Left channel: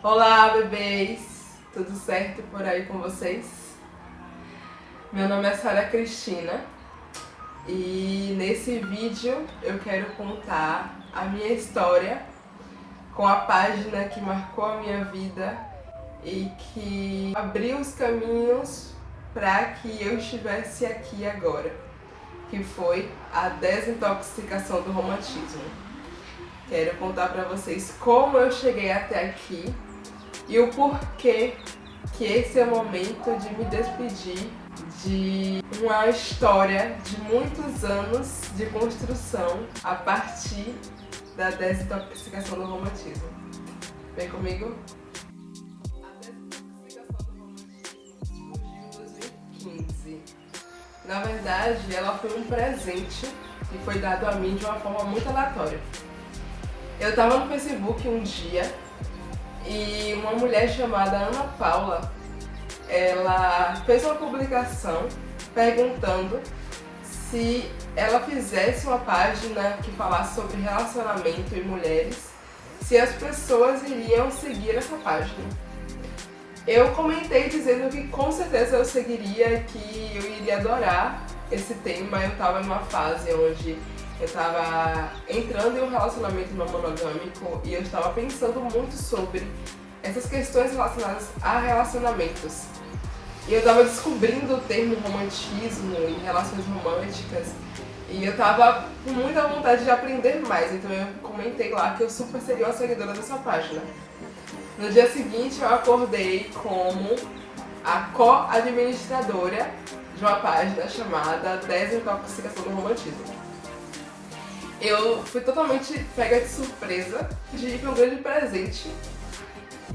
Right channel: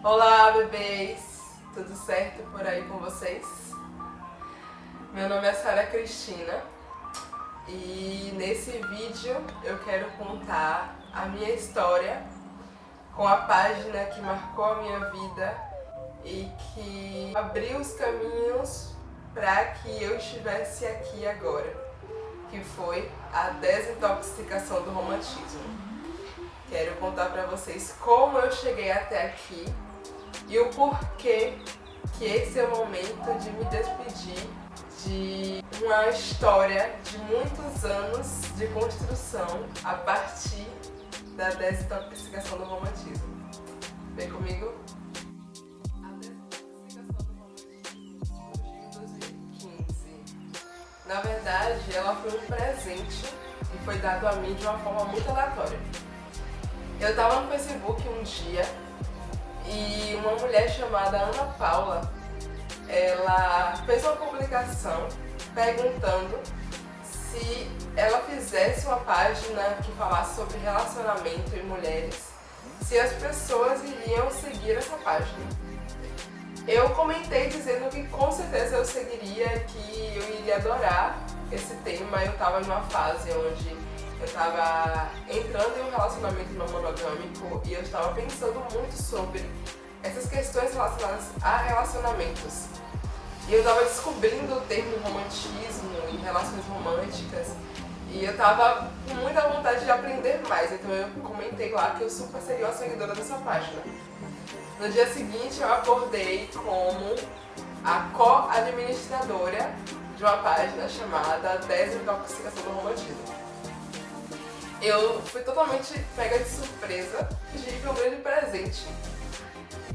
Olá, bebês! Tudo certo por aí com vocês? Meu nome é Sara Cristina e nesse vídeo eu quero contar a minha história com a página que marcou a minha vida e que abriu os caminhos para que eu estivesse aqui agora, que foi a desintoxicação do romantismo. Quero contar para vocês como eu cheguei até aqui e o porquê que esse é o momento de me despedir de uma história de muitos anos de construção a partir da desintoxicação do romantismo. Vem comigo? A desintoxicação do romantismo surgiu em 2015. Na verdade, ela foi um presente que foi dado a mim de uma forma muito aleatória. Eu estava no Facebook um dia e uma mulher chamada Ana Paula, ela fez uma publicação perguntando se ela fizesse uma página que falasse sobre relacionamento e mulheres, se as pessoas iriam seguir essa página. Eu comentei dizendo que com certeza eu seguiria, que eu iria adorar esse tema. Eu estava em uma fase onde eu estava entrando em um relacionamento não monogâmico e eu estava pensando muito sobre essas questões relacionadas a relacionamentos. E eu estava descobrindo o termo romantismo e relações românticas e eu estava com muita vontade de aprender mais, então eu comentei lá que eu super seria uma seguidora dessa página. No dia seguinte eu acordei como a co-administradora de uma página chamada Desintoxicação do Romantismo. Eu fui totalmente pega de surpresa, foi um grande presente.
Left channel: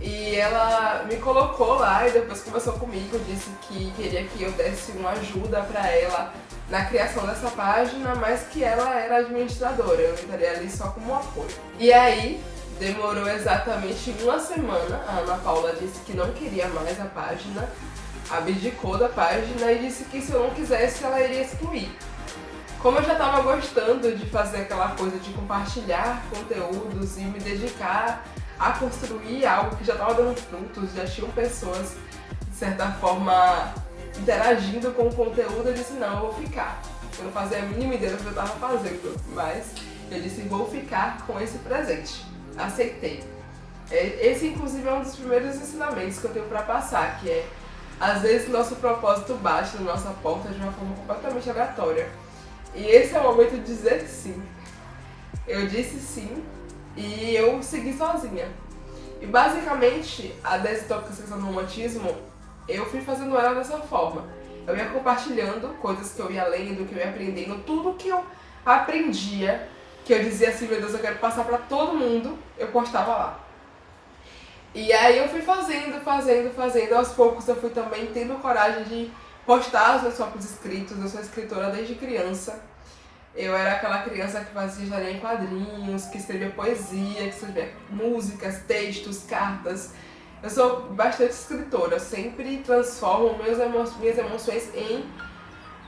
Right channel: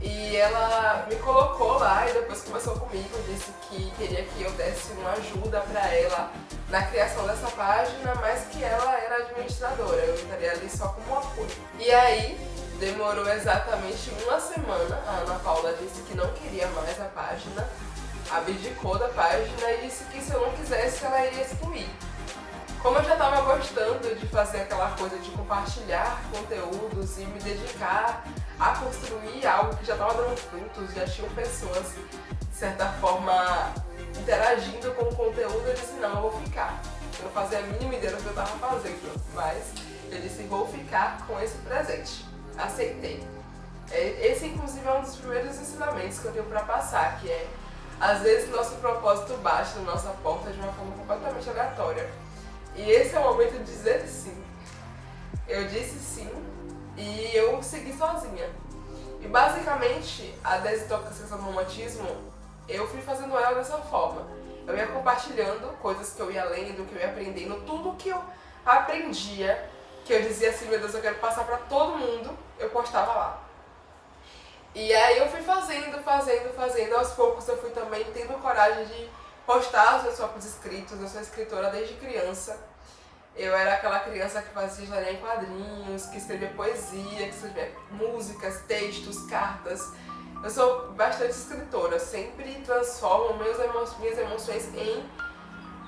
E ela me colocou lá e depois conversou comigo, disse que queria que eu desse uma ajuda pra ela na criação dessa página, mas que ela era administradora, eu estaria ali só como apoio. E aí, demorou exatamente uma semana, a Ana Paula disse que não queria mais a página, abdicou da página e disse que se eu não quisesse ela iria excluir. Como eu já estava gostando de fazer aquela coisa de compartilhar conteúdos e me dedicar a construir algo que já estava dando frutos, já tinham pessoas, de certa forma, interagindo com o conteúdo, eu disse, não, eu vou ficar. Eu não fazia a mínima ideia do que eu estava fazendo, mas eu disse, vou ficar com esse presente. Aceitei. Esse, inclusive, é um dos primeiros ensinamentos que eu tenho para passar, que é, às vezes, nosso propósito bate na nossa porta de uma forma completamente aleatória. E esse é o momento de dizer sim. Eu disse sim e eu segui sozinha. E basicamente, a desintoxicação do romantismo, eu fui fazendo ela dessa forma. Eu ia compartilhando coisas que eu ia lendo, que eu ia aprendendo, tudo que eu aprendia, que eu dizia assim, meu Deus, eu quero passar pra todo mundo, eu postava lá. E aí eu fui fazendo, aos poucos eu fui também tendo coragem de postar os meus próprios escritos. Eu sou escritora desde criança. Eu era aquela criança que fazia historinha em quadrinhos, que escrevia poesia, que escrevia músicas, textos, cartas. Eu sou bastante escritora, eu sempre transformo minhas emoções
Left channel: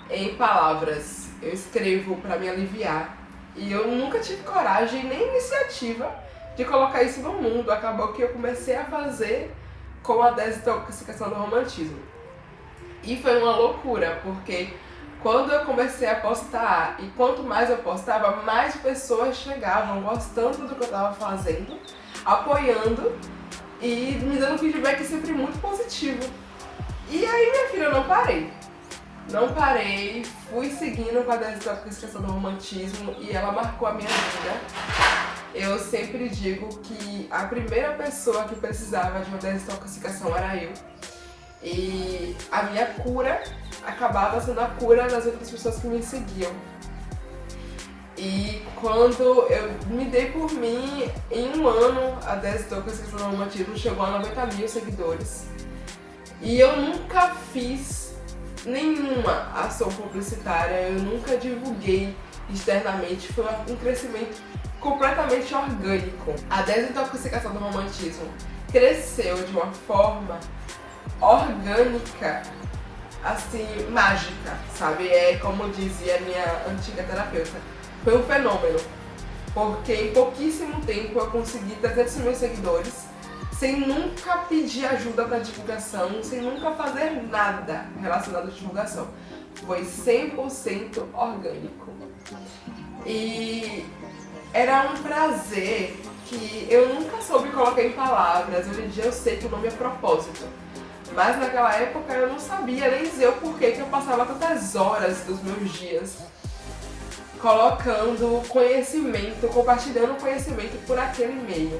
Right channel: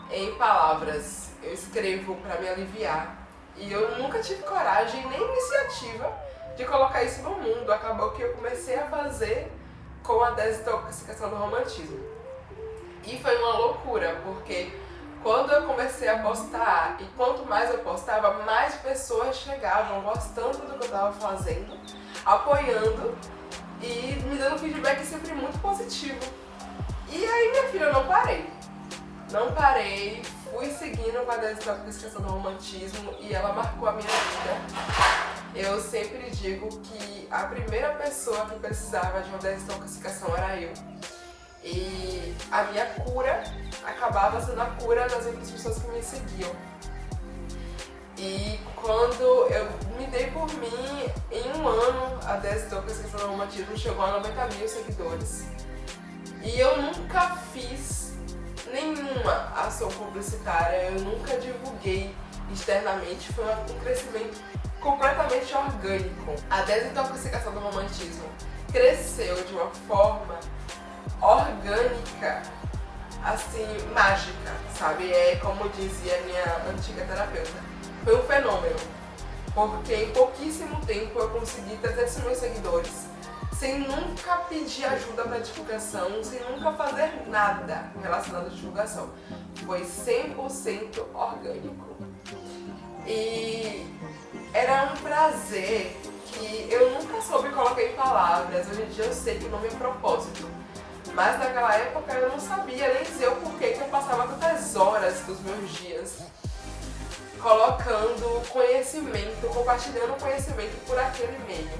em palavras. Eu escrevo para me aliviar. E eu nunca tive coragem nem iniciativa de colocar isso no mundo. Acabou que eu comecei a fazer com a desintoxicação do romantismo. E foi uma loucura, porque quando eu comecei a postar, e quanto mais eu postava, mais pessoas chegavam gostando do que eu estava fazendo, apoiando e me dando feedback sempre muito positivo. E aí, minha filha, eu não parei. Não parei, fui seguindo com a desintoxicação do romantismo e ela marcou a minha vida. Eu sempre digo que a primeira pessoa que precisava de uma desintoxicação era eu. E a minha cura acabava sendo a cura das outras pessoas que me seguiam. E quando eu me dei por mim, em um ano, a desintoxicação do romantismo chegou a 90 mil seguidores. E eu nunca fiz nenhuma ação publicitária, eu nunca divulguei externamente, foi um crescimento completamente orgânico. A desintoxicação do romantismo cresceu de uma forma orgânica, assim, mágica, sabe? É como dizia minha antiga terapeuta, foi um fenômeno, porque em pouquíssimo tempo eu consegui 300 mil seguidores, sem nunca pedir ajuda para divulgação, sem nunca fazer nada relacionado à divulgação. Foi 100% orgânico. E era um prazer que eu nunca soube colocar em palavras. Hoje em dia eu sei que o nome é propósito. Mas naquela época eu não sabia nem dizer o porquê que eu passava tantas horas dos meus dias colocando conhecimento, compartilhando conhecimento por aquele meio.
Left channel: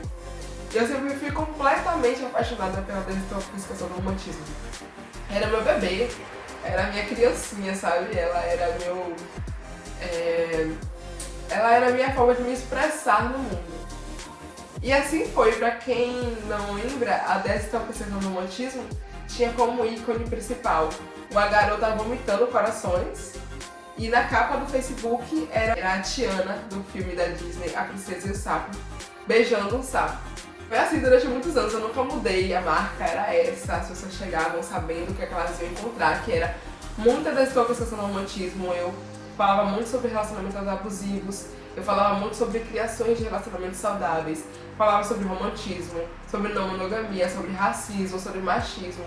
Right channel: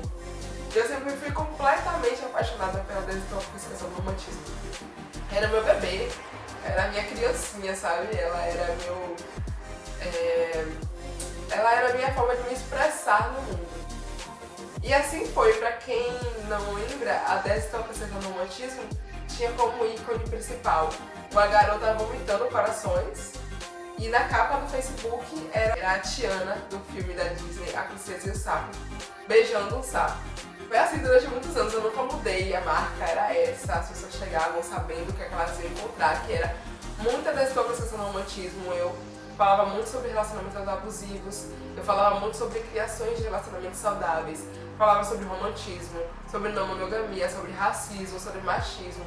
Eu sempre fui completamente apaixonada pela desintoxicação do romantismo. Era meu bebê, era minha criancinha, sabe? Ela era a minha forma de me expressar no mundo. E assim foi, pra quem não lembra, a desintoxicação do romantismo tinha como ícone principal uma garota vomitando corações, e na capa do Facebook era a Tiana, do filme da Disney, A Princesa e o Sapo, beijando um sapo. Foi assim durante muitos anos, eu nunca mudei, a marca era essa, as pessoas chegavam sabendo o que elas iam encontrar, que era muita desintoxicação do romantismo. Eu falava muito sobre relacionamentos abusivos, eu falava muito sobre criações de relacionamentos saudáveis, falava sobre romantismo, sobre não monogamia, sobre racismo, sobre machismo,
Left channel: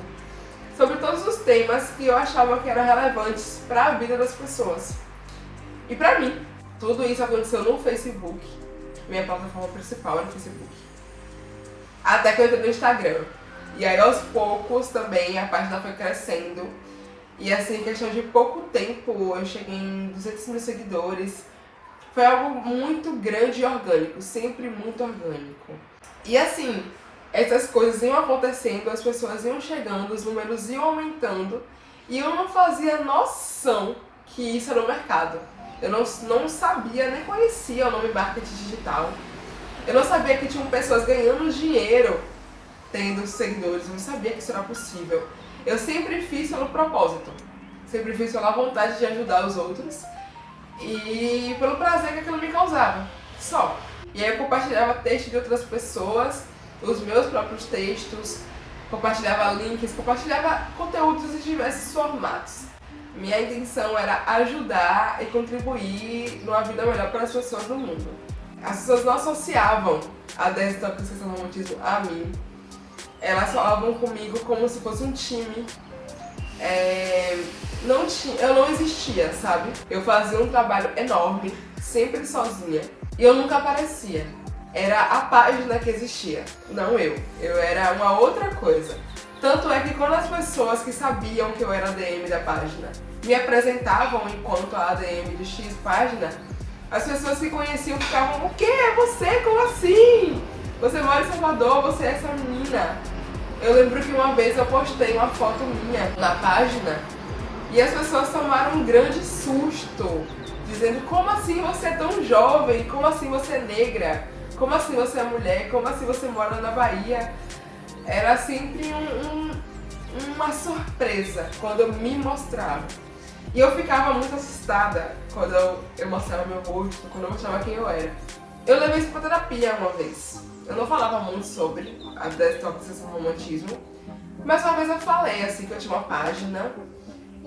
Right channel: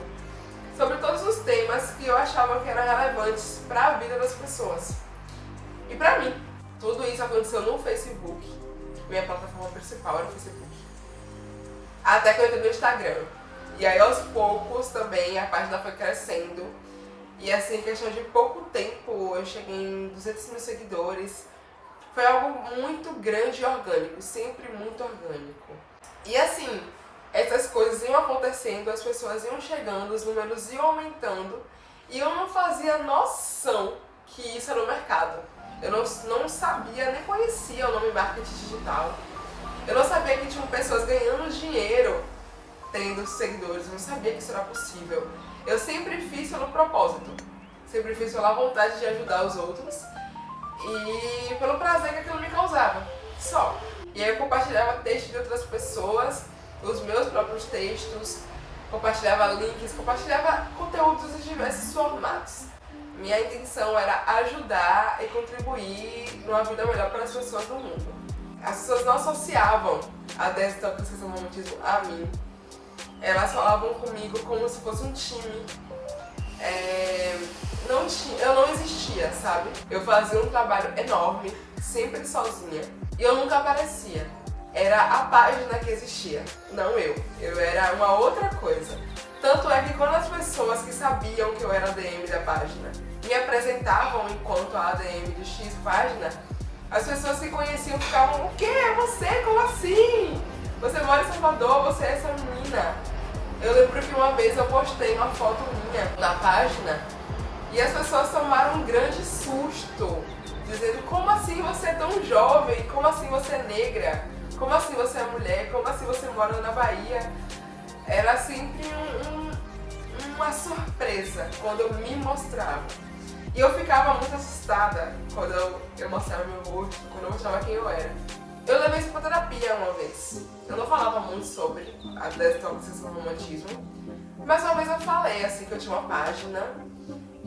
sobre todos os temas que eu achava que eram relevantes para a vida das pessoas. E pra mim, tudo isso aconteceu no Facebook, minha plataforma principal era o Facebook. Até que eu entrei no Instagram. E aí aos poucos também a página foi crescendo. E assim, em questão de pouco tempo, eu cheguei em 200 mil seguidores. Foi algo muito grande e orgânico, sempre muito orgânico. E assim, essas coisas iam acontecendo, as pessoas iam chegando, os números iam aumentando. E eu não fazia noção que isso era o mercado. Eu não sabia, nem conhecia o nome marketing digital. Eu não sabia que tinham pessoas ganhando dinheiro tendo seguidores, eu não sabia que isso era possível. Eu sempre fiz pelo propósito, sempre fiz pela vontade de ajudar os outros e pelo prazer que aquilo me causava, só. E aí eu compartilhava textos de outras pessoas, os meus próprios textos, compartilhava links, compartilhava conteúdos de diversos formatos. Minha intenção era ajudar e contribuir numa vida melhor para as pessoas do mundo. As pessoas não associavam a desintoxicação do romantismo a mim. Elas falavam comigo como se fosse um time. Eu não existia, sabe? Eu fazia um trabalho enorme, sempre sozinha. E eu nunca aparecia. Era a página que existia, não eu. Eu era uma outra coisa. Tanto é que quando as pessoas que sabiam que eu era ADM da página me apresentavam enquanto a ADM de X página, as pessoas que conheciam ficavam, o quê? Você? Como assim? Você mora em Salvador, você é essa menina. Eu lembro que uma vez eu postei uma foto minha na página e as pessoas tomaram um grande susto, dizendo, como assim você é tão jovem? Como assim você é negra? Como assim você é mulher? Como assim você mora na Bahia? Era sempre uma surpresa quando eu me mostrava. E eu ficava muito assustada quando eu mostrava meu rosto, quando eu mostrava quem eu era. Eu levei isso pra terapia uma vez. Eu não falava muito sobre a desintoxicação do romantismo, mas uma vez eu falei assim que eu tinha uma página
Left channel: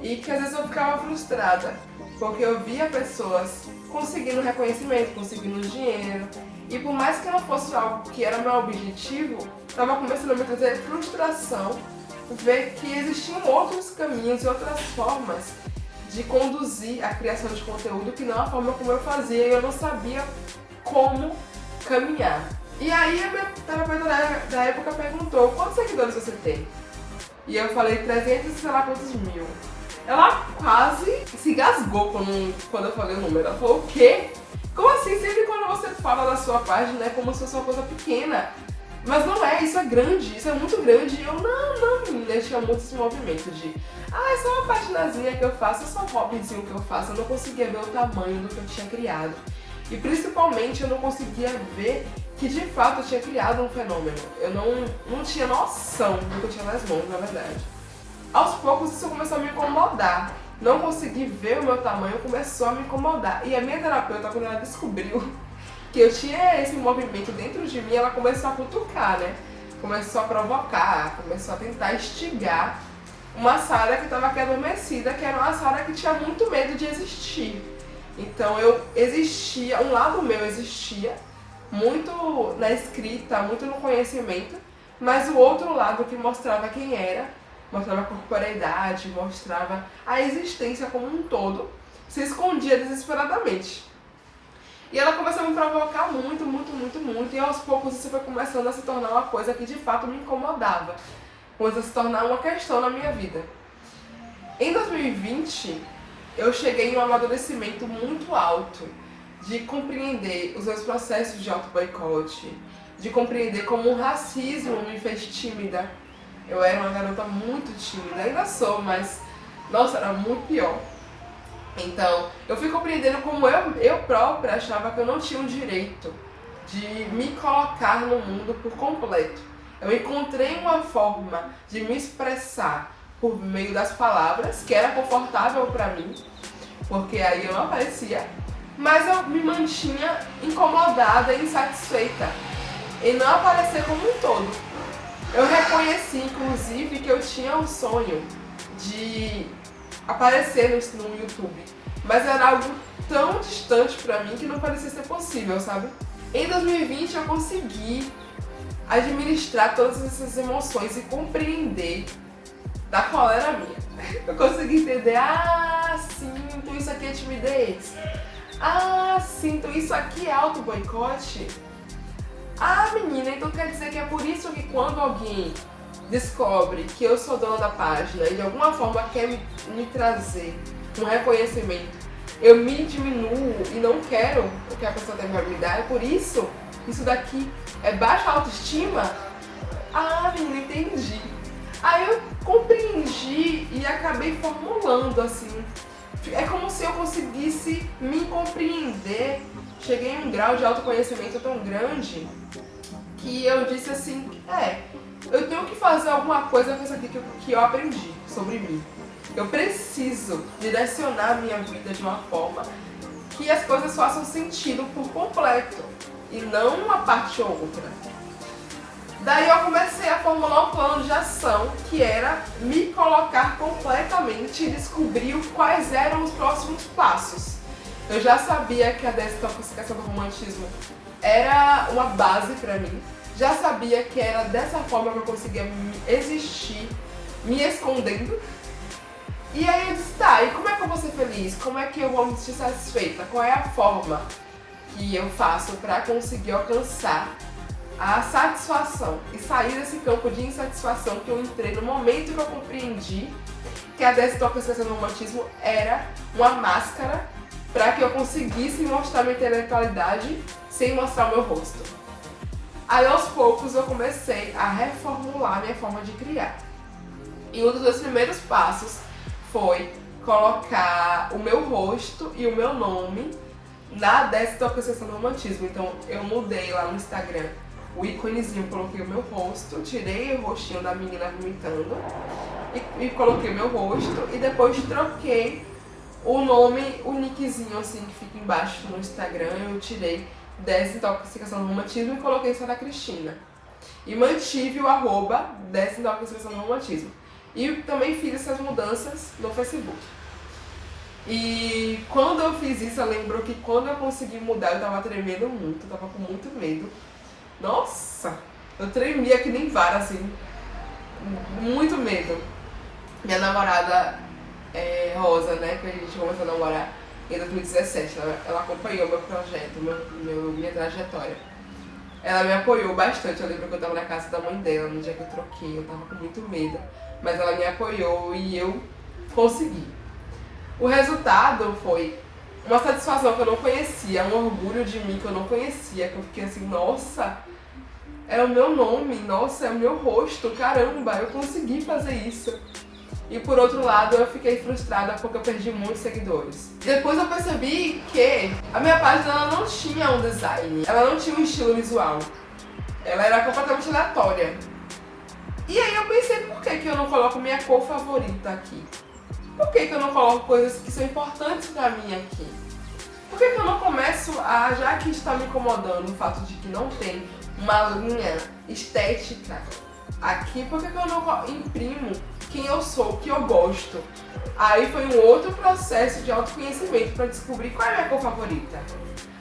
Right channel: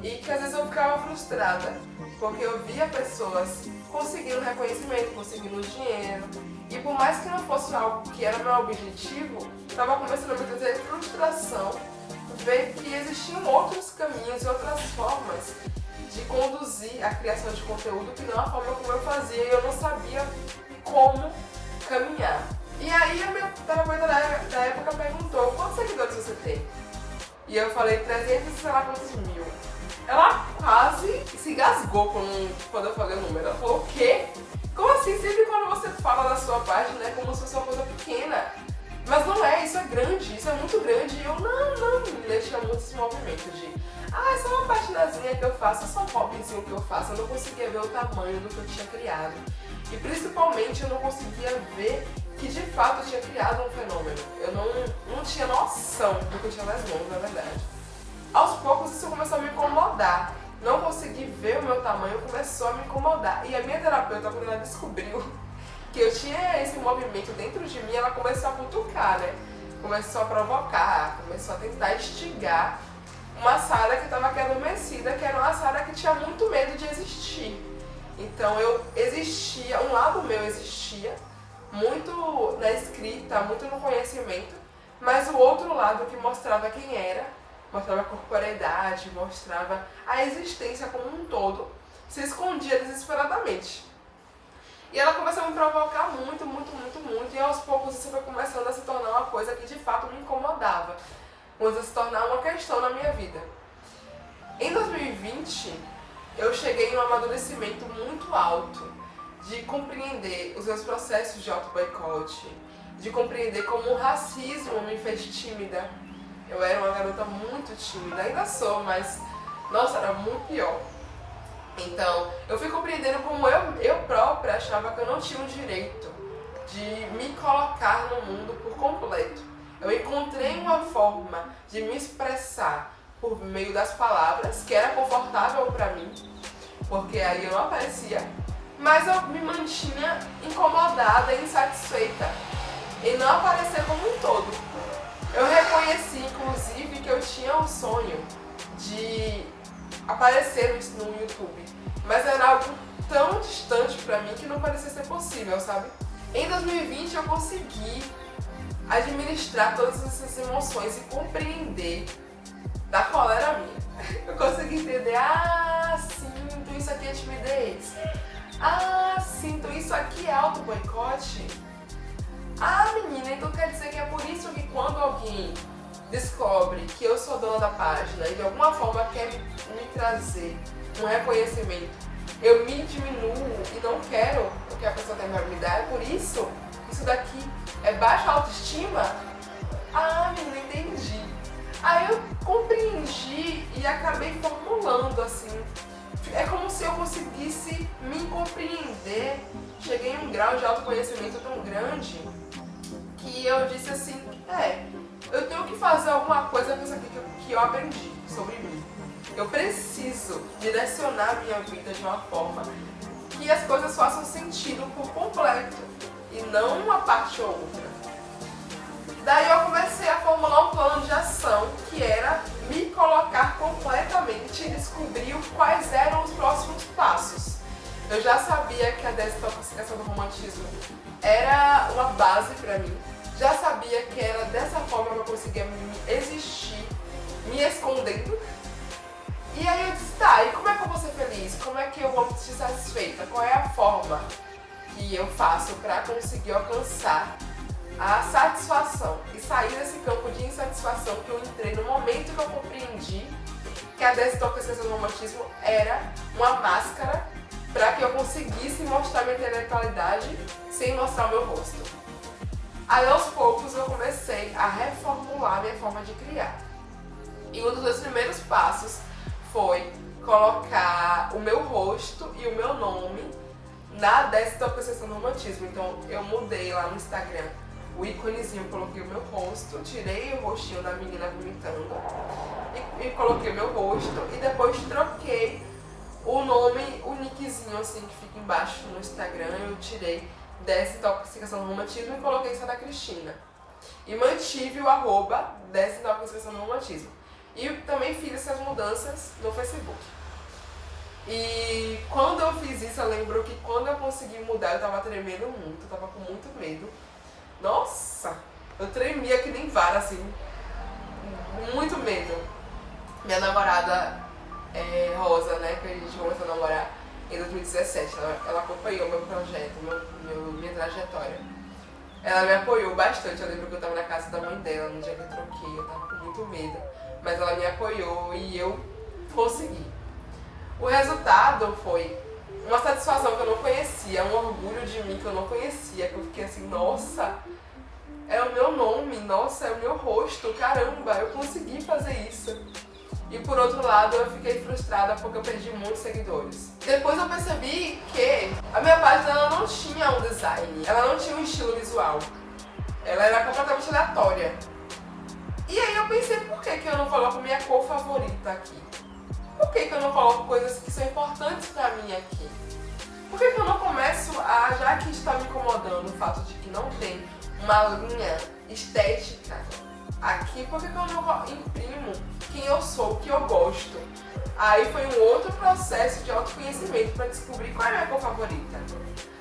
e que às vezes eu ficava frustrada, porque eu via pessoas conseguindo reconhecimento, conseguindo dinheiro, e por mais que não fosse algo que era meu objetivo, estava começando a me trazer frustração ver que existiam outros caminhos e outras formas de conduzir a criação de conteúdo que não a forma como eu fazia, e eu não sabia como caminhar. E aí a minha terapeuta da época perguntou, quantos seguidores você tem? E eu falei 300 e sei lá quantos mil. Ela quase se gasgou quando eu falei o número. Ela falou, o quê? Como assim? Sempre quando você fala da sua página é como se fosse uma coisa pequena. Mas não é, isso é grande, isso é muito grande. E eu, não, menina, tinha muito esse movimento de é só uma paginazinha que eu faço, é só um hobbyzinho que eu faço. Eu não conseguia ver o tamanho do que eu tinha criado. E principalmente eu não conseguia ver que de fato eu tinha criado um fenômeno. Eu não tinha noção do que eu tinha nas mãos, na verdade. Aos poucos isso começou a me incomodar. Não conseguir ver o meu tamanho começou a me incomodar. E a minha terapeuta, quando ela descobriu que eu tinha esse movimento dentro de mim, ela começou a cutucar, né? Começou a provocar, começou a tentar instigar uma Sara que estava aqui adormecida, que era uma Sara que tinha muito medo de existir. Então eu existia, um lado meu existia, muito na escrita, muito no conhecimento, mas o outro lado que mostrava quem era, mostrava a corporeidade, mostrava a existência como um todo, se escondia desesperadamente. E ela começou a me provocar muito, e aos poucos isso foi começando a se tornar uma coisa que de fato me incomodava, começou a se tornar uma questão na minha vida. Em 2020, eu cheguei em um amadurecimento muito alto de compreender os meus processos de auto-boicote, de compreender como o racismo me fez tímida. Eu era uma garota muito tímida, ainda sou, mas nossa, era muito pior. Então, eu fui compreendendo como eu própria achava que eu não tinha o direito de me colocar no mundo por completo. Eu encontrei uma forma de me expressar por meio das palavras, que era confortável pra mim, porque aí eu não aparecia, mas eu me mantinha incomodada e insatisfeita em não aparecer como um todo. Eu reconheci, inclusive, que eu tinha um sonho de aparecer no YouTube, mas era algo tão distante pra mim que não parecia ser possível, sabe? Em 2020 eu consegui administrar todas essas emoções e compreender da qual era a minha. Eu consegui entender, sim, então isso aqui é timidez. Sim, então isso aqui é auto-boicote. Menina, então quer dizer que é por isso que quando alguém descobre que eu sou dona da página e de alguma forma quer me trazer um reconhecimento, eu me diminuo e não quero o que a pessoa tem pra me dar, é por isso? Isso daqui é baixa autoestima? Menina, entendi. Aí eu compreendi e acabei formulando assim. É como se eu conseguisse me compreender. Cheguei a um grau de autoconhecimento tão grande que eu disse assim, eu tenho que fazer alguma coisa com isso aqui que eu aprendi sobre mim. Eu preciso direcionar a minha vida de uma forma que as coisas façam sentido por completo e não uma parte ou outra. Daí eu comecei a formular um plano de ação que era me colocar completamente e descobrir quais eram os próximos passos. Eu já sabia que a desintoxicação do romantismo era uma base pra mim, já sabia que era dessa forma que eu conseguia existir, me escondendo. E aí eu disse, e como é que eu vou ser feliz? Como é que eu vou me sentir satisfeita? Qual é a forma que eu faço pra conseguir alcançar a satisfação e sair desse campo de insatisfação que eu entrei no momento que eu compreendi que a desintoxicação do romantismo era uma máscara para que eu conseguisse mostrar minha intelectualidade sem mostrar o meu rosto. Aí aos poucos eu comecei a reformular minha forma de criar. E um dos meus primeiros passos foi colocar o meu rosto e o meu nome na desintoxicação do romantismo. Então eu mudei lá no Instagram o íconezinho, coloquei o meu rosto, tirei o rostinho da menina vomitando e coloquei o meu rosto e depois troquei o nome, o nickzinho assim que fica embaixo no Instagram, eu tirei desintoxicação do romantismo e coloquei Sara Cristina. E mantive o @ desintoxicação do romantismo. E também fiz essas mudanças no Facebook. E quando eu fiz isso, eu lembro que quando eu consegui mudar, eu tava tremendo muito, eu tava com muito medo. Nossa, eu tremia que nem vara, assim, muito medo. Minha namorada Rosa, né, que a gente começou a namorar em 2017, ela acompanhou meu projeto, minha trajetória. Ela me apoiou bastante, eu lembro que eu tava na casa da mãe dela no dia que eu troquei, eu tava com muito medo, mas ela me apoiou e eu consegui. O resultado foi uma satisfação que eu não conhecia, um orgulho de mim que eu não conhecia, que eu fiquei assim, nossa, é o meu nome, nossa, é o meu rosto, caramba, eu consegui fazer isso. E por outro lado, eu fiquei frustrada porque eu perdi muitos seguidores. Depois eu percebi que a minha página ela não tinha um design, ela não tinha um estilo visual, ela era completamente aleatória. E aí eu pensei, por que eu não coloco minha cor favorita aqui? Por que eu não coloco coisas que são importantes pra mim aqui? Por que eu não começo a, já que está me incomodando o fato de que não tem uma linha estética aqui, por que eu não imprimo quem eu sou, o que eu gosto? Aí foi um outro processo de autoconhecimento pra descobrir qual é a minha cor favorita.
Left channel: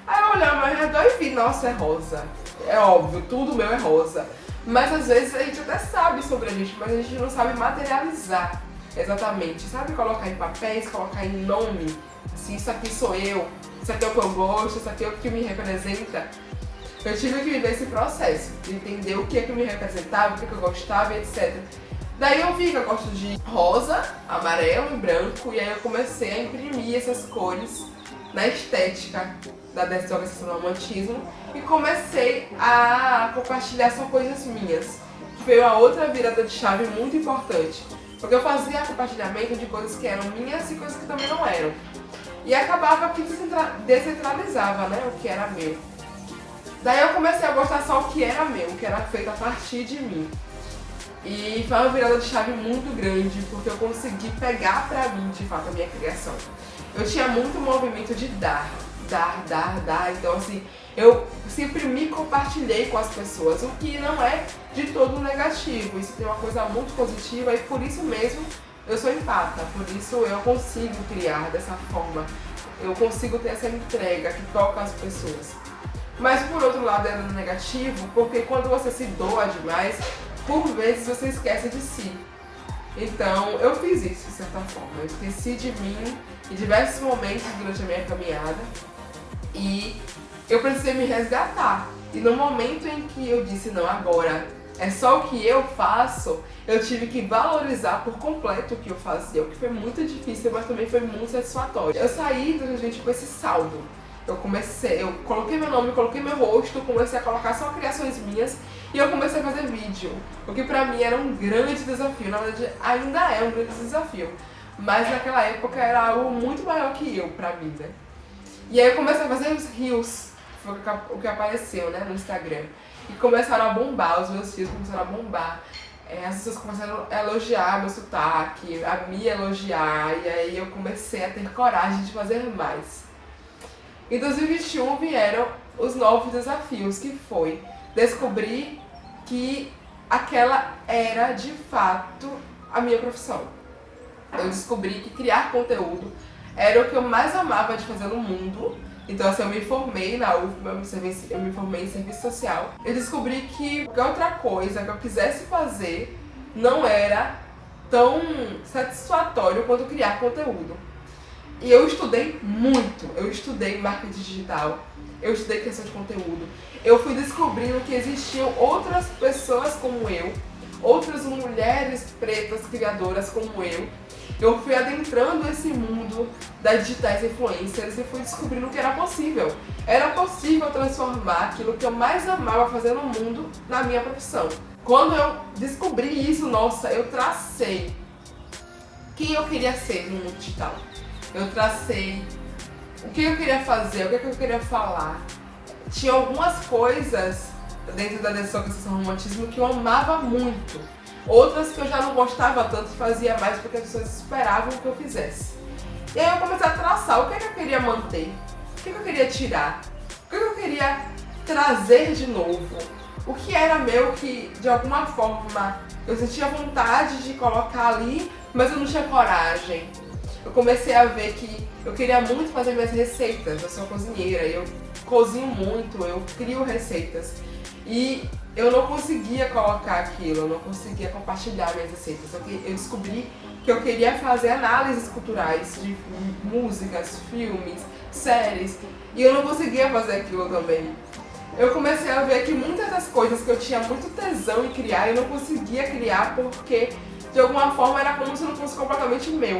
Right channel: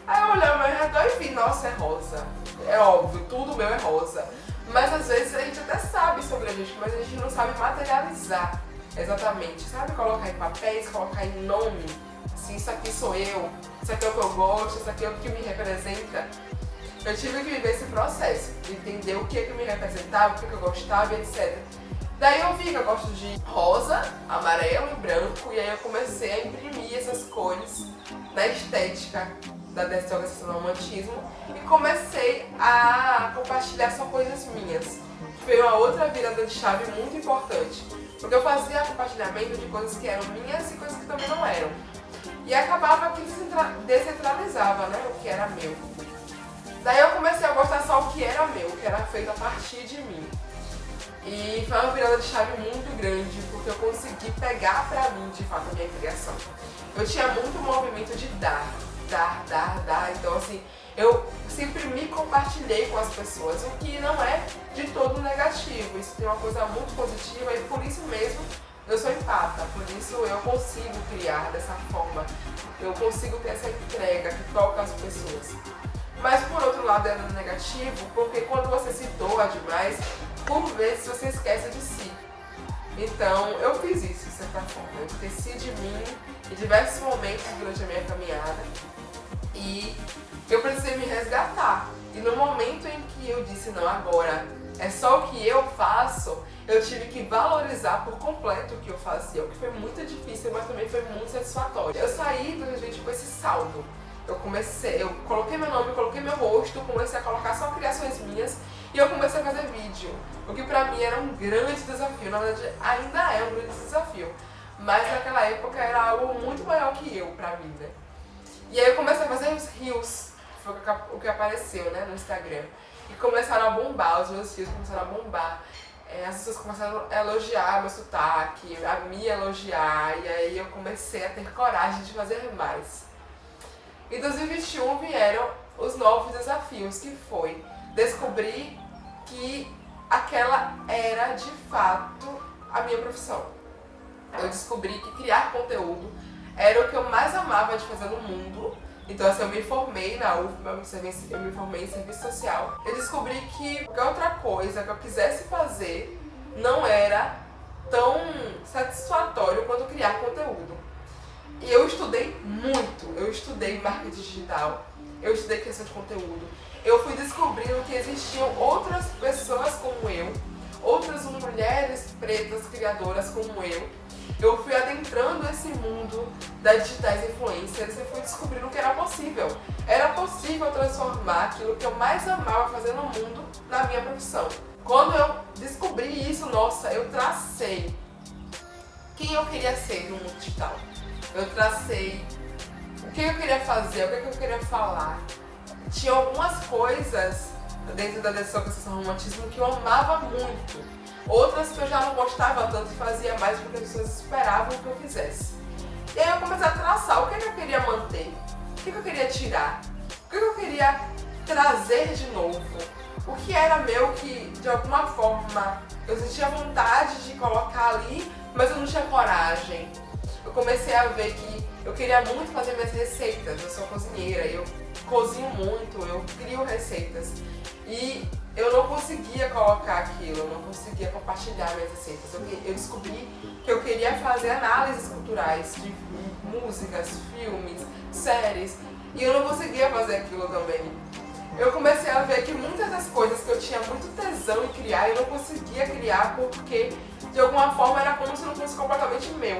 Aí eu olhei ao meu redor e vi, nossa, é rosa. É óbvio, tudo meu é rosa. Mas às vezes a gente até sabe sobre a gente, mas a gente não sabe materializar exatamente. Sabe colocar em papéis, colocar em nome. Assim, isso aqui sou eu, isso aqui é o que eu gosto, isso aqui é o que me representa. Eu tive que viver esse processo, de entender o que é que me representava, o que é que eu gostava, etc. Daí eu vi que eu gosto de rosa, amarelo e branco, e aí eu comecei a imprimir essas cores na estética da desorganização do romantismo e comecei a compartilhar só coisas minhas. Foi uma outra virada de chave muito importante, porque eu fazia compartilhamento de coisas que eram minhas e coisas que também não eram. E acabava que descentralizava, né, o que era meu. Daí eu comecei a gostar só o que era meu, o que era feito a partir de mim. E foi uma virada de chave muito grande, porque eu consegui pegar pra mim, de fato, a minha criação. Eu tinha muito movimento de dar. Então, assim, eu sempre me compartilhei com as pessoas, o que não é de todo negativo. Isso tem uma coisa muito positiva e por isso mesmo eu sou empata. Por isso eu consigo criar dessa forma. Eu consigo ter essa entrega que toca as pessoas. Mas por outro lado é negativo, porque quando você se doa demais, por vezes você esquece de si. Então eu fiz isso de certa forma, eu esqueci de mim em diversos momentos durante a minha caminhada e eu precisei me resgatar. E no momento em que eu disse não, agora é só o que eu faço, eu tive que valorizar por completo o que eu fazia, o que foi muito difícil, mas também foi muito satisfatório. Eu saí do gente com esse saldo. Eu coloquei meu nome, coloquei meu rosto, comecei a colocar só criações minhas e eu comecei a fazer vídeo, o que pra mim era um grande desafio, na verdade ainda é um grande desafio, mas naquela época era algo muito maior que eu pra mim, né? E aí eu comecei a fazer os reels, foi o que apareceu, né, no Instagram, e começaram a bombar, os meus reels começaram a bombar. As pessoas começaram a elogiar meu sotaque, a me elogiar, e aí eu comecei a ter coragem de fazer mais. Em 2021 vieram os novos desafios, que foi descobrir que aquela era de fato a minha profissão. Eu descobri que criar conteúdo era o que eu mais amava de fazer no mundo. Então assim, eu me formei na UFBA, eu me formei em serviço social. Eu descobri que qualquer outra coisa que eu quisesse fazer não era tão satisfatório quanto criar conteúdo. E eu estudei muito, eu estudei marketing digital, eu estudei criação de conteúdo, eu fui descobrindo que existiam outras pessoas como eu, outras mulheres pretas criadoras como eu fui adentrando esse mundo das digitais influencers e fui descobrindo que era possível. Era possível transformar aquilo que eu mais amava fazer no mundo na minha profissão. Quando eu descobri isso, nossa, eu tracei quem eu queria ser no mundo digital. Eu tracei o que eu queria fazer, o que eu queria falar. Tinha algumas coisas dentro da desorganização do romantismo que eu amava muito. Outras que eu já não gostava tanto e fazia mais porque as pessoas esperavam que eu fizesse. E aí eu comecei a traçar o que eu queria manter, o que eu queria tirar, o que eu queria trazer de novo. O que era meu que, de alguma forma, eu sentia vontade de colocar ali, mas eu não tinha coragem. Eu comecei a ver que eu queria muito fazer minhas receitas. Eu sou cozinheira e eu cozinho muito, eu crio receitas. E eu não conseguia colocar aquilo, eu não conseguia compartilhar minhas receitas. Eu descobri que eu queria fazer análises culturais de músicas, filmes, séries. E eu não conseguia fazer aquilo também. Eu comecei a ver que muitas das coisas que eu tinha muito tesão em criar, eu não conseguia criar porque, de alguma forma, era como se não fosse completamente meu.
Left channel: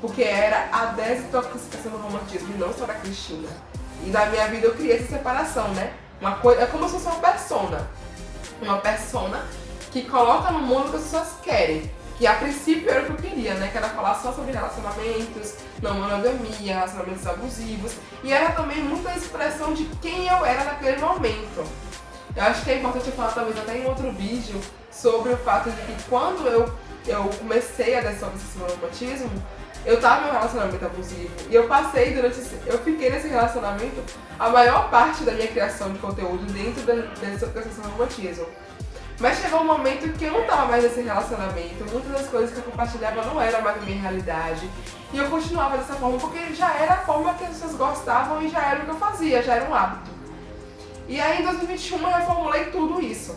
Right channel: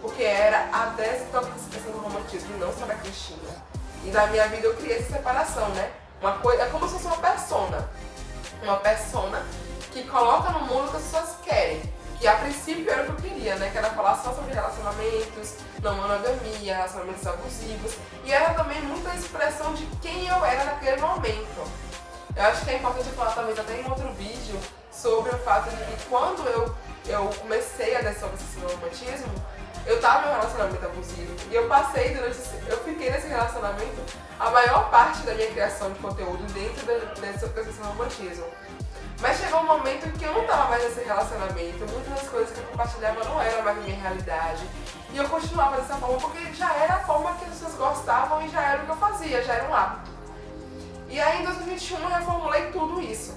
Porque era a desintoxicação do romantismo, não só da Cristina. E na minha vida eu criei essa separação, né? É como se fosse uma persona. Uma persona que coloca no mundo o que as pessoas querem. Que a princípio era o que eu queria, né? Que era falar só sobre relacionamentos, não monogamia, relacionamentos abusivos. E era também muita expressão de quem eu era naquele momento. Eu acho que é importante eu falar talvez até em outro vídeo sobre o fato de que quando eu comecei a desorganização do romantismo, eu tava em um relacionamento abusivo e eu fiquei nesse relacionamento a maior parte da minha criação de conteúdo dentro dessa organização do romantismo. Mas chegou um momento em que eu não tava mais nesse relacionamento, muitas das coisas que eu compartilhava não eram mais a minha realidade e eu continuava dessa forma porque já era a forma que as pessoas gostavam e já era o que eu fazia, já era um hábito. E aí em 2021 eu reformulei tudo isso.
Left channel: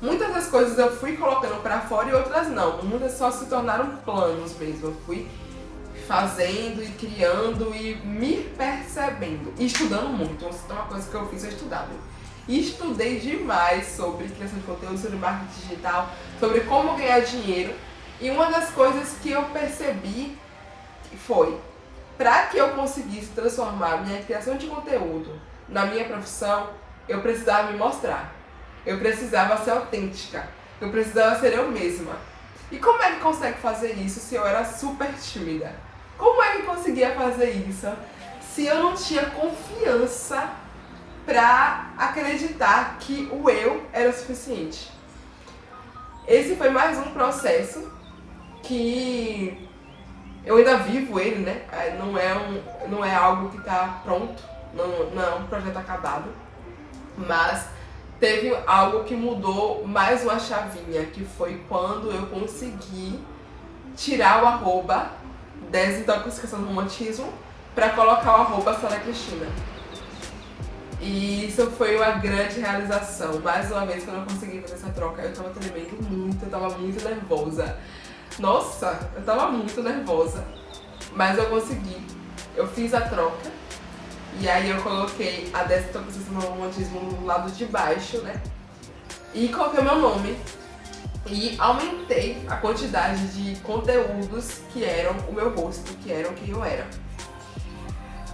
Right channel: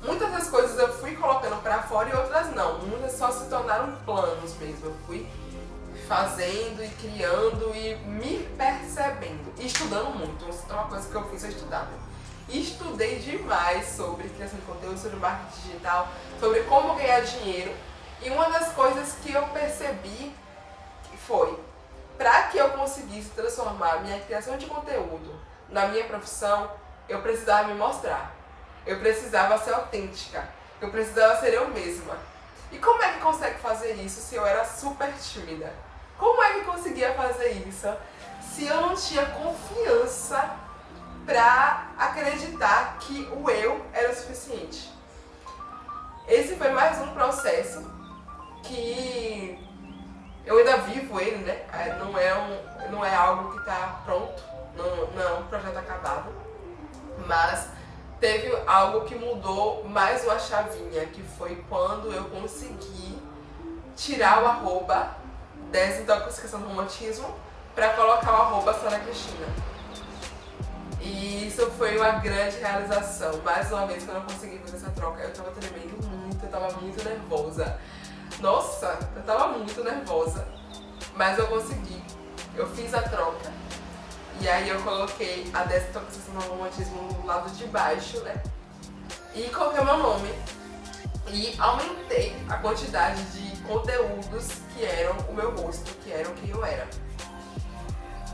Muitas das coisas eu fui colocando pra fora e outras não. Muitas só se tornaram planos mesmo. Eu fui fazendo e criando e me percebendo. E estudando muito. Então, uma coisa que eu fiz é estudar. E estudei demais sobre criação de conteúdo, sobre marketing digital, sobre como ganhar dinheiro. E uma das coisas que eu percebi foi, para que eu conseguisse transformar minha criação de conteúdo na minha profissão, eu precisava me mostrar. Eu precisava ser autêntica. Eu precisava ser eu mesma. E como é que consegue fazer isso se eu era super tímida? Como é que conseguia fazer isso se eu não tinha confiança pra acreditar que o eu era o suficiente? Esse foi mais um processo que eu ainda vivo ele, né? Não é algo que tá pronto, não é um projeto acabado, mas teve algo que mudou mais uma chavinha, que foi quando eu consegui tirar o arroba desintoxicação do romantismo pra colocar o arroba Sara Cristina. E isso foi uma grande realização. Mais uma vez, quando eu consegui fazer essa troca, eu tava tremendo muito, eu tava muito nervosa. Nossa, eu tava muito nervosa, mas eu consegui. Eu fiz a troca e aí eu coloquei a desintoxicação do romantismo no lado de baixo, né? E coloquei o meu nome e aumentei a quantidade de conteúdos que eram o meu rosto, que eram quem eu era.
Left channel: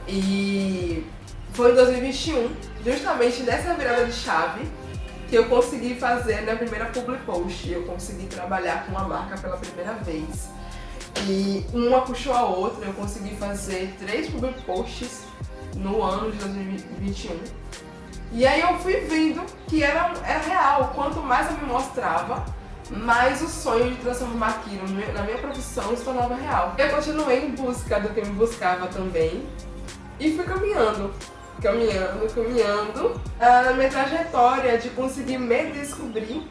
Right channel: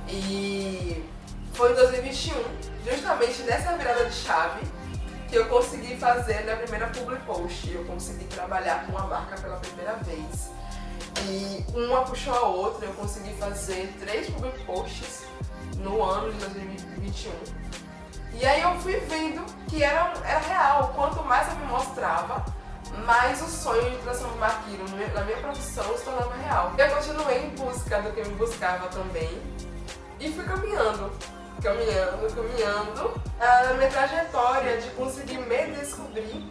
E foi em 2021, justamente nessa virada de chave, que eu consegui fazer minha primeira public post. Eu consegui trabalhar com uma marca pela primeira vez. E uma puxou a outra, eu consegui fazer 3 public posts no ano de 2021. E aí eu fui vendo que era real. Quanto mais eu me mostrava, mais o sonho de transformar aquilo na minha profissão se tornava real. Eu continuei em busca do que me buscava também. E fui caminhando na minha trajetória de conseguir me descobrir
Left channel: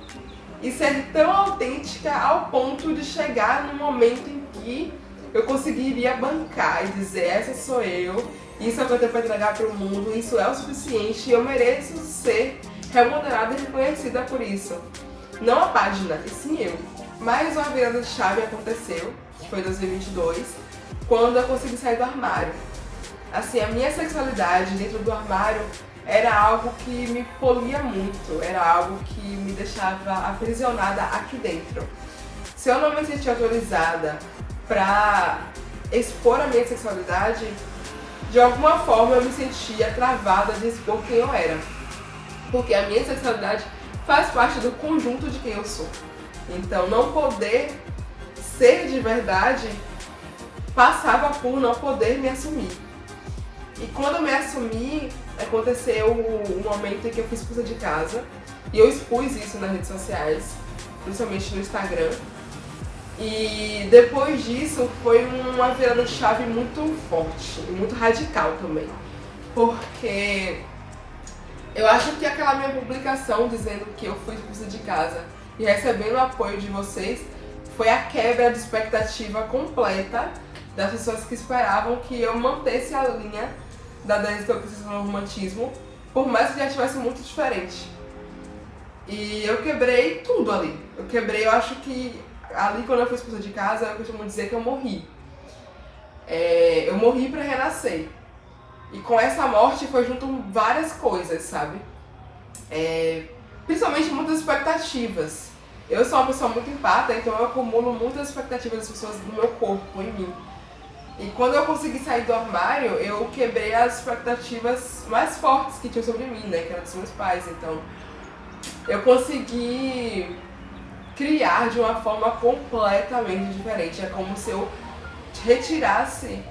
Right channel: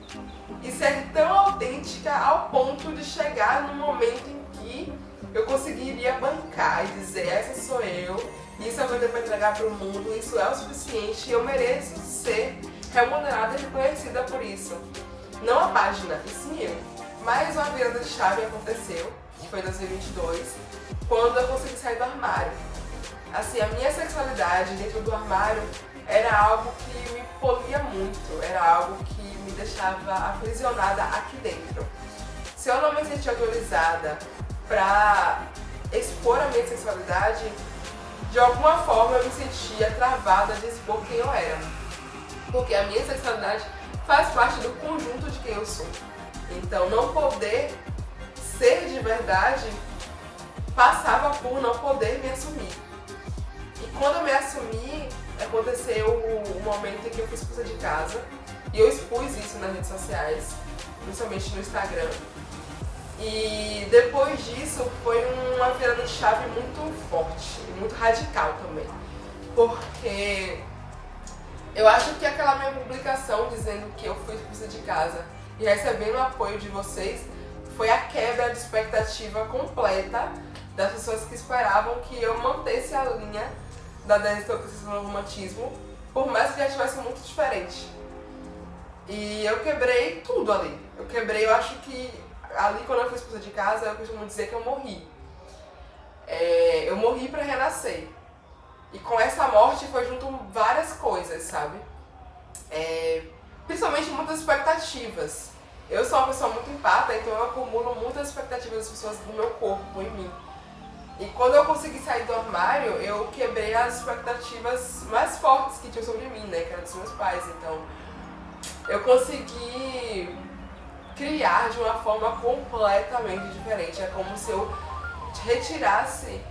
e ser tão autêntica ao ponto de chegar no momento em que eu conseguiria bancar e dizer: essa sou eu, isso é o que eu tenho para entregar para o mundo, isso é o suficiente e eu mereço ser remunerada e reconhecida por isso. Não a página, e sim eu. Mais uma virada de chave aconteceu, que foi em 2022, quando eu consegui sair do armário. Assim, a minha sexualidade dentro do armário era algo que me polia muito, era algo que me deixava aprisionada aqui dentro. Se eu não me sentia autorizada pra expor a minha sexualidade, de alguma forma eu me sentia travada de expor quem eu era. Porque a minha sexualidade faz parte do conjunto de quem eu sou. Então, não poder ser de verdade passava por não poder me assumir. E quando eu me assumi, aconteceu o momento em que eu fui expulsa de casa. E eu expus isso nas redes sociais, principalmente no Instagram. E depois disso foi uma virada de chave muito forte e muito radical também. Porque eu acho que aquela minha publicação dizendo que eu fui expulsa de casa e recebendo o apoio de vocês foi a quebra de expectativa completa das pessoas que esperavam que eu mantesse a linha da desintoxicação do romantismo, por mais que já estivesse muito diferente. E eu quebrei tudo ali. Eu acho que ali quando eu fui expulsa de casa, eu costumo dizer que eu morri. Eu morri pra renascer. E com essa morte foi junto várias coisas, sabe? Principalmente muitas expectativas. Eu sou uma pessoa muito empática, então eu acumulo muitas expectativas das pessoas no meu corpo, em mim. E quando eu consegui sair do armário, eu quebrei as expectativas mais fortes que tinham sobre mim, né? Que eram dos meus pais. Então, eu consegui criar de uma forma completamente diferente. É como se eu retirasse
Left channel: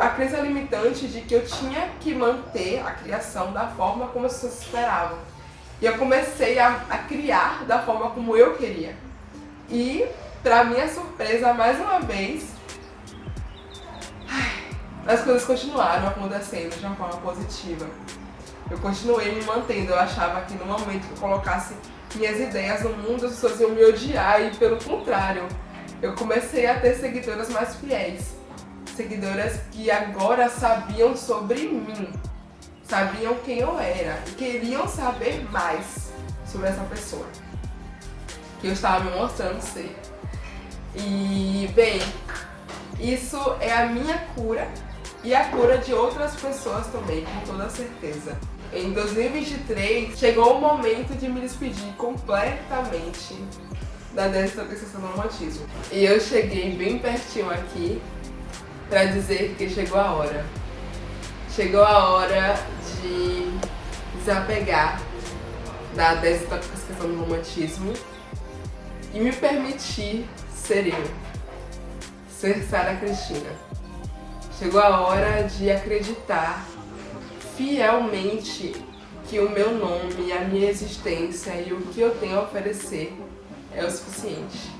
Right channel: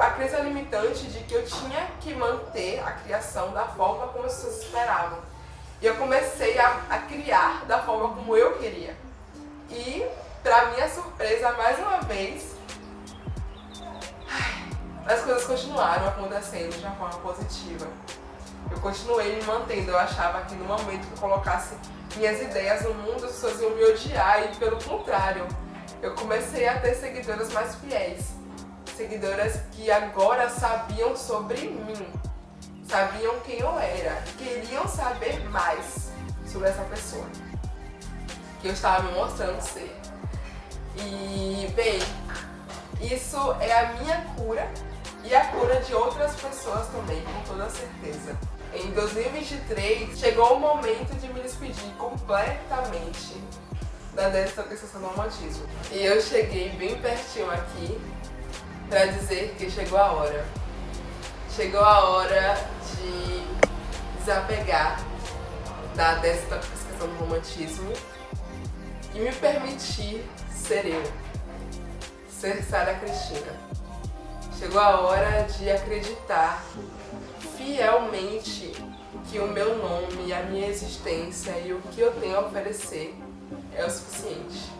a crença limitante de que eu tinha que manter a criação da forma como as pessoas esperavam. E eu comecei a criar da forma como eu queria. E, pra minha surpresa, mais uma vez, as coisas continuaram acontecendo de uma forma positiva. Eu continuei me mantendo. Eu achava que no momento que eu colocasse minhas ideias no mundo, as pessoas iam me odiar, e pelo contrário, eu comecei a ter seguidoras mais fiéis. Seguidoras que agora sabiam sobre mim, sabiam quem eu era e queriam saber mais. sobre essa pessoa que eu estava me mostrando ser. E, bem, isso é a minha cura e a cura de outras pessoas também, com toda certeza. Em 2023, chegou o momento de me despedir completamente da desintoxicação do romantismo. E eu cheguei bem pertinho aqui pra dizer que chegou a hora. Chegou a hora de desapegar da desintoxicação do romantismo e me permitir ser eu, ser Sara Cristina. Chegou a hora de acreditar fielmente que o meu nome, a minha existência e o que eu tenho a oferecer é o suficiente.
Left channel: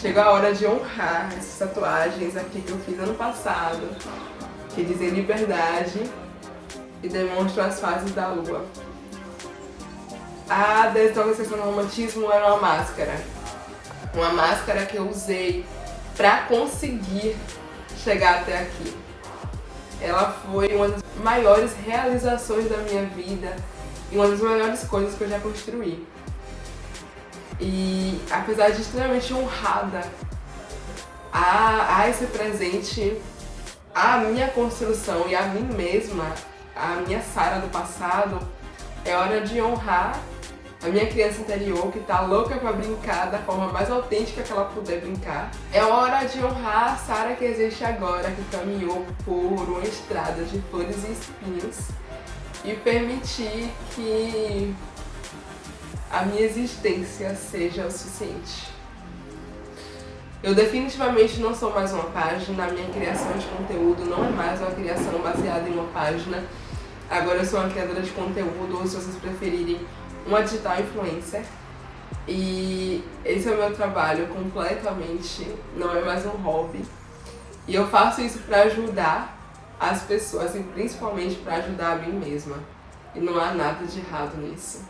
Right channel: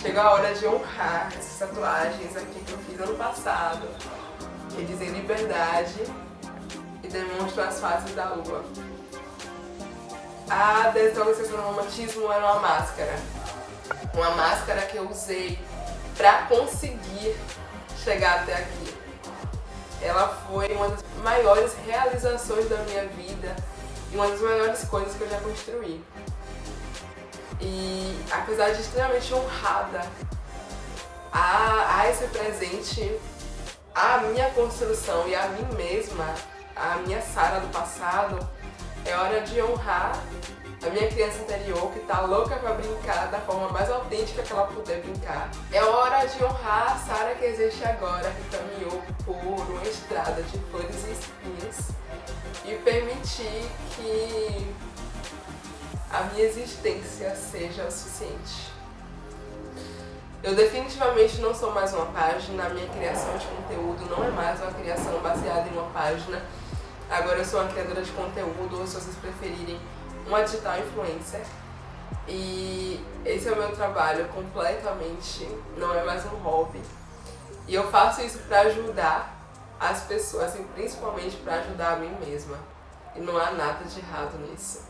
Chegou a hora de honrar essas tatuagens aqui que eu fiz ano passado, que dizem liberdade e demonstram as fases da lua. A desintoxicação do romantismo era uma máscara que eu usei para conseguir chegar até aqui. Ela foi uma das maiores realizações da minha vida e uma das maiores coisas que eu já construí. E apesar de extremamente honrada a esse presente, a minha construção e a mim mesma, a minha Sara do passado, é hora de honrar a minha criança interior que tá louca pra brincar da forma mais autêntica que ela puder brincar. É hora de honrar a Sara que existe agora, que caminhou por uma estrada de flores e espinhos, e permitir que a minha existência seja o suficiente. Eu definitivamente não sou mais uma página, a minha criação de conteúdo não é mais uma criação baseada em uma página. Agora eu sou uma criadora de conteúdo, ou se vocês preferirem, uma digital influencer. E esse é o meu trabalho completamente, não é mais um hobby. E eu faço isso para ajudar as pessoas e principalmente para ajudar a mim mesma. E não há nada de errado nisso.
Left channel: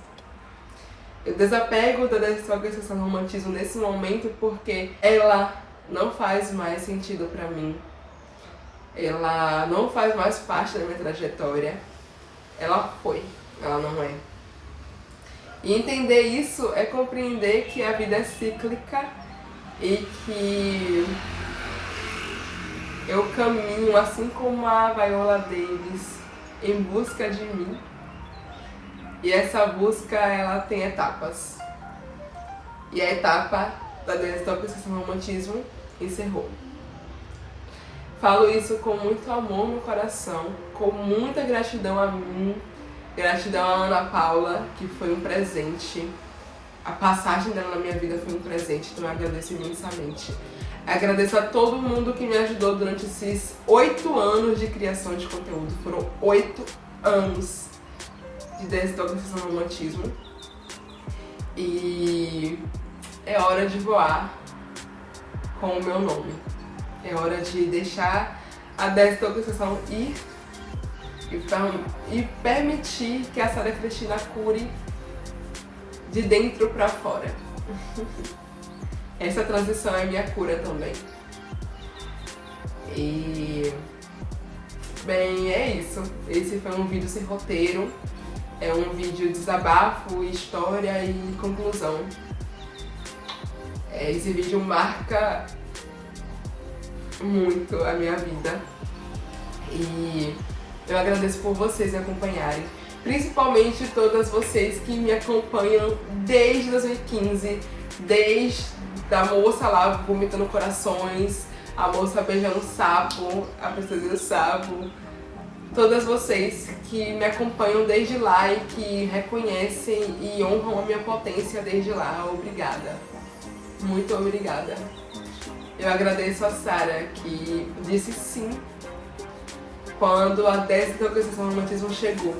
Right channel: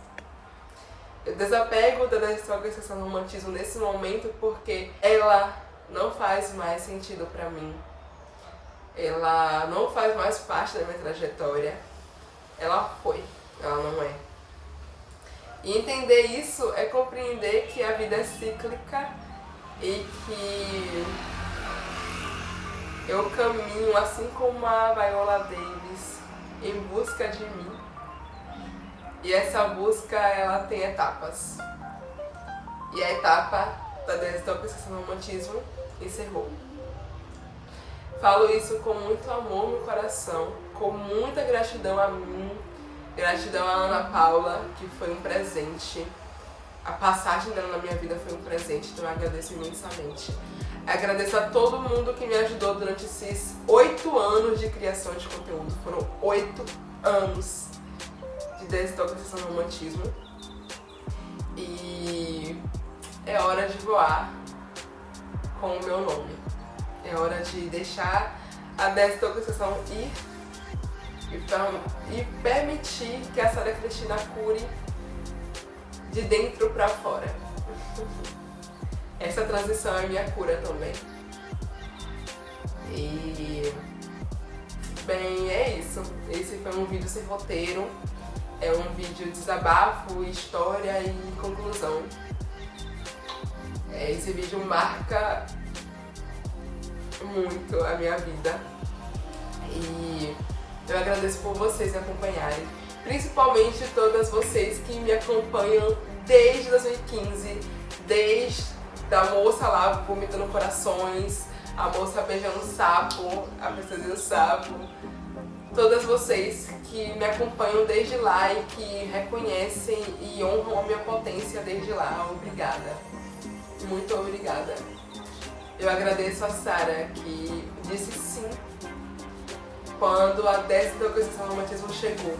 Eu desapego da desintoxicação do romantismo nesse momento porque ela não faz mais sentido pra mim. Ela não faz mais parte da minha trajetória. Ela foi, ela não é. E entender isso é compreender que a vida é cíclica e que eu caminho, assim como a Viola Davis, em busca de mim. E essa busca, ela tem etapas. E a etapa da desintoxicação do romantismo encerrou. Falo isso com muito amor no coração, com muita gratidão a mim, gratidão a Ana Paula, que foi um presente. A passagem dela na minha vida foi um presente, então eu agradeço imensamente. Agradeço a todo mundo que me ajudou durante esses 8 anos de criação de conteúdo. Foram 8 anos de desintoxicação do romantismo. E é hora de voar com o meu nome. É hora de deixar a desintoxicação ir e permitir que a Sara Cristina cure de dentro pra fora. Essa transição é minha cura também. E bem, é isso. Esse foi um vídeo sem roteiro. É um vídeo de desabafo, história e conclusão. Esse vídeo marca muito a minha vida. E eu agradeço por vocês me acompanharem. Principalmente todas vocês que me acompanham desde 2015. Desde a moça lá vomitando corações, a moça beijando o sapo, a princesa e o sapo. Todas vocês que me acompanham desde lá e que reconhecem e honram a minha potência desde lá. Obrigada. Muito obrigada. Eu agradeço a Sara que disse sim quando a desintoxicação do romantismo chegou.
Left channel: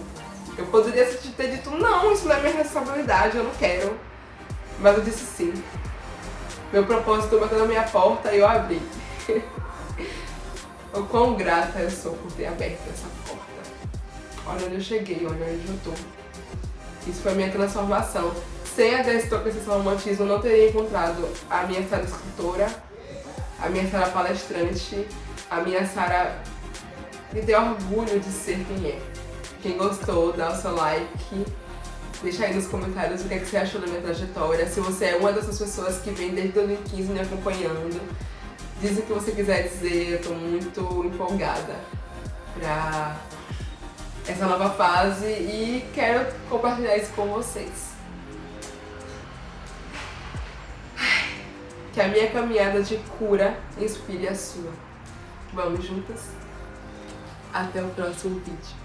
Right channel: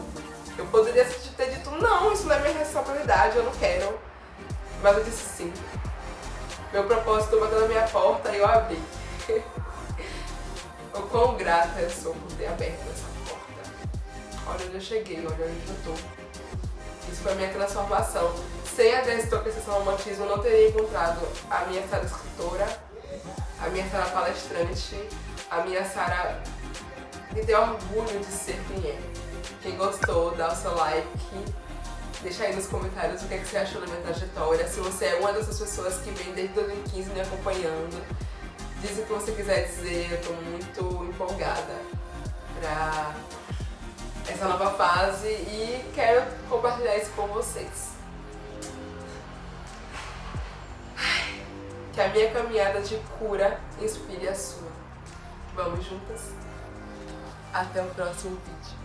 Eu poderia ter dito não, isso não é minha responsabilidade, eu não quero. Mas eu disse sim. Meu propósito bateu na minha porta e eu abri. O quão grata eu sou por ter aberto essa porta. Olha onde eu cheguei, olha onde eu tô. Isso foi a minha transformação. Sem a desintoxicação do romantismo, eu não teria encontrado a minha Sara escritora, a minha Sara palestrante, a minha Sara que tem orgulho de ser quem é. Quem gostou, dá o seu like, Deixa aí nos comentários o que, é que você achou da minha trajetória, se você é uma dessas pessoas que vem desde 2015 me acompanhando. Diz o que você quiser dizer, eu tô muito empolgada pra essa nova fase e quero compartilhar isso com vocês. Que a minha caminhada de cura inspire a sua. Vamos juntas? Até o próximo vídeo.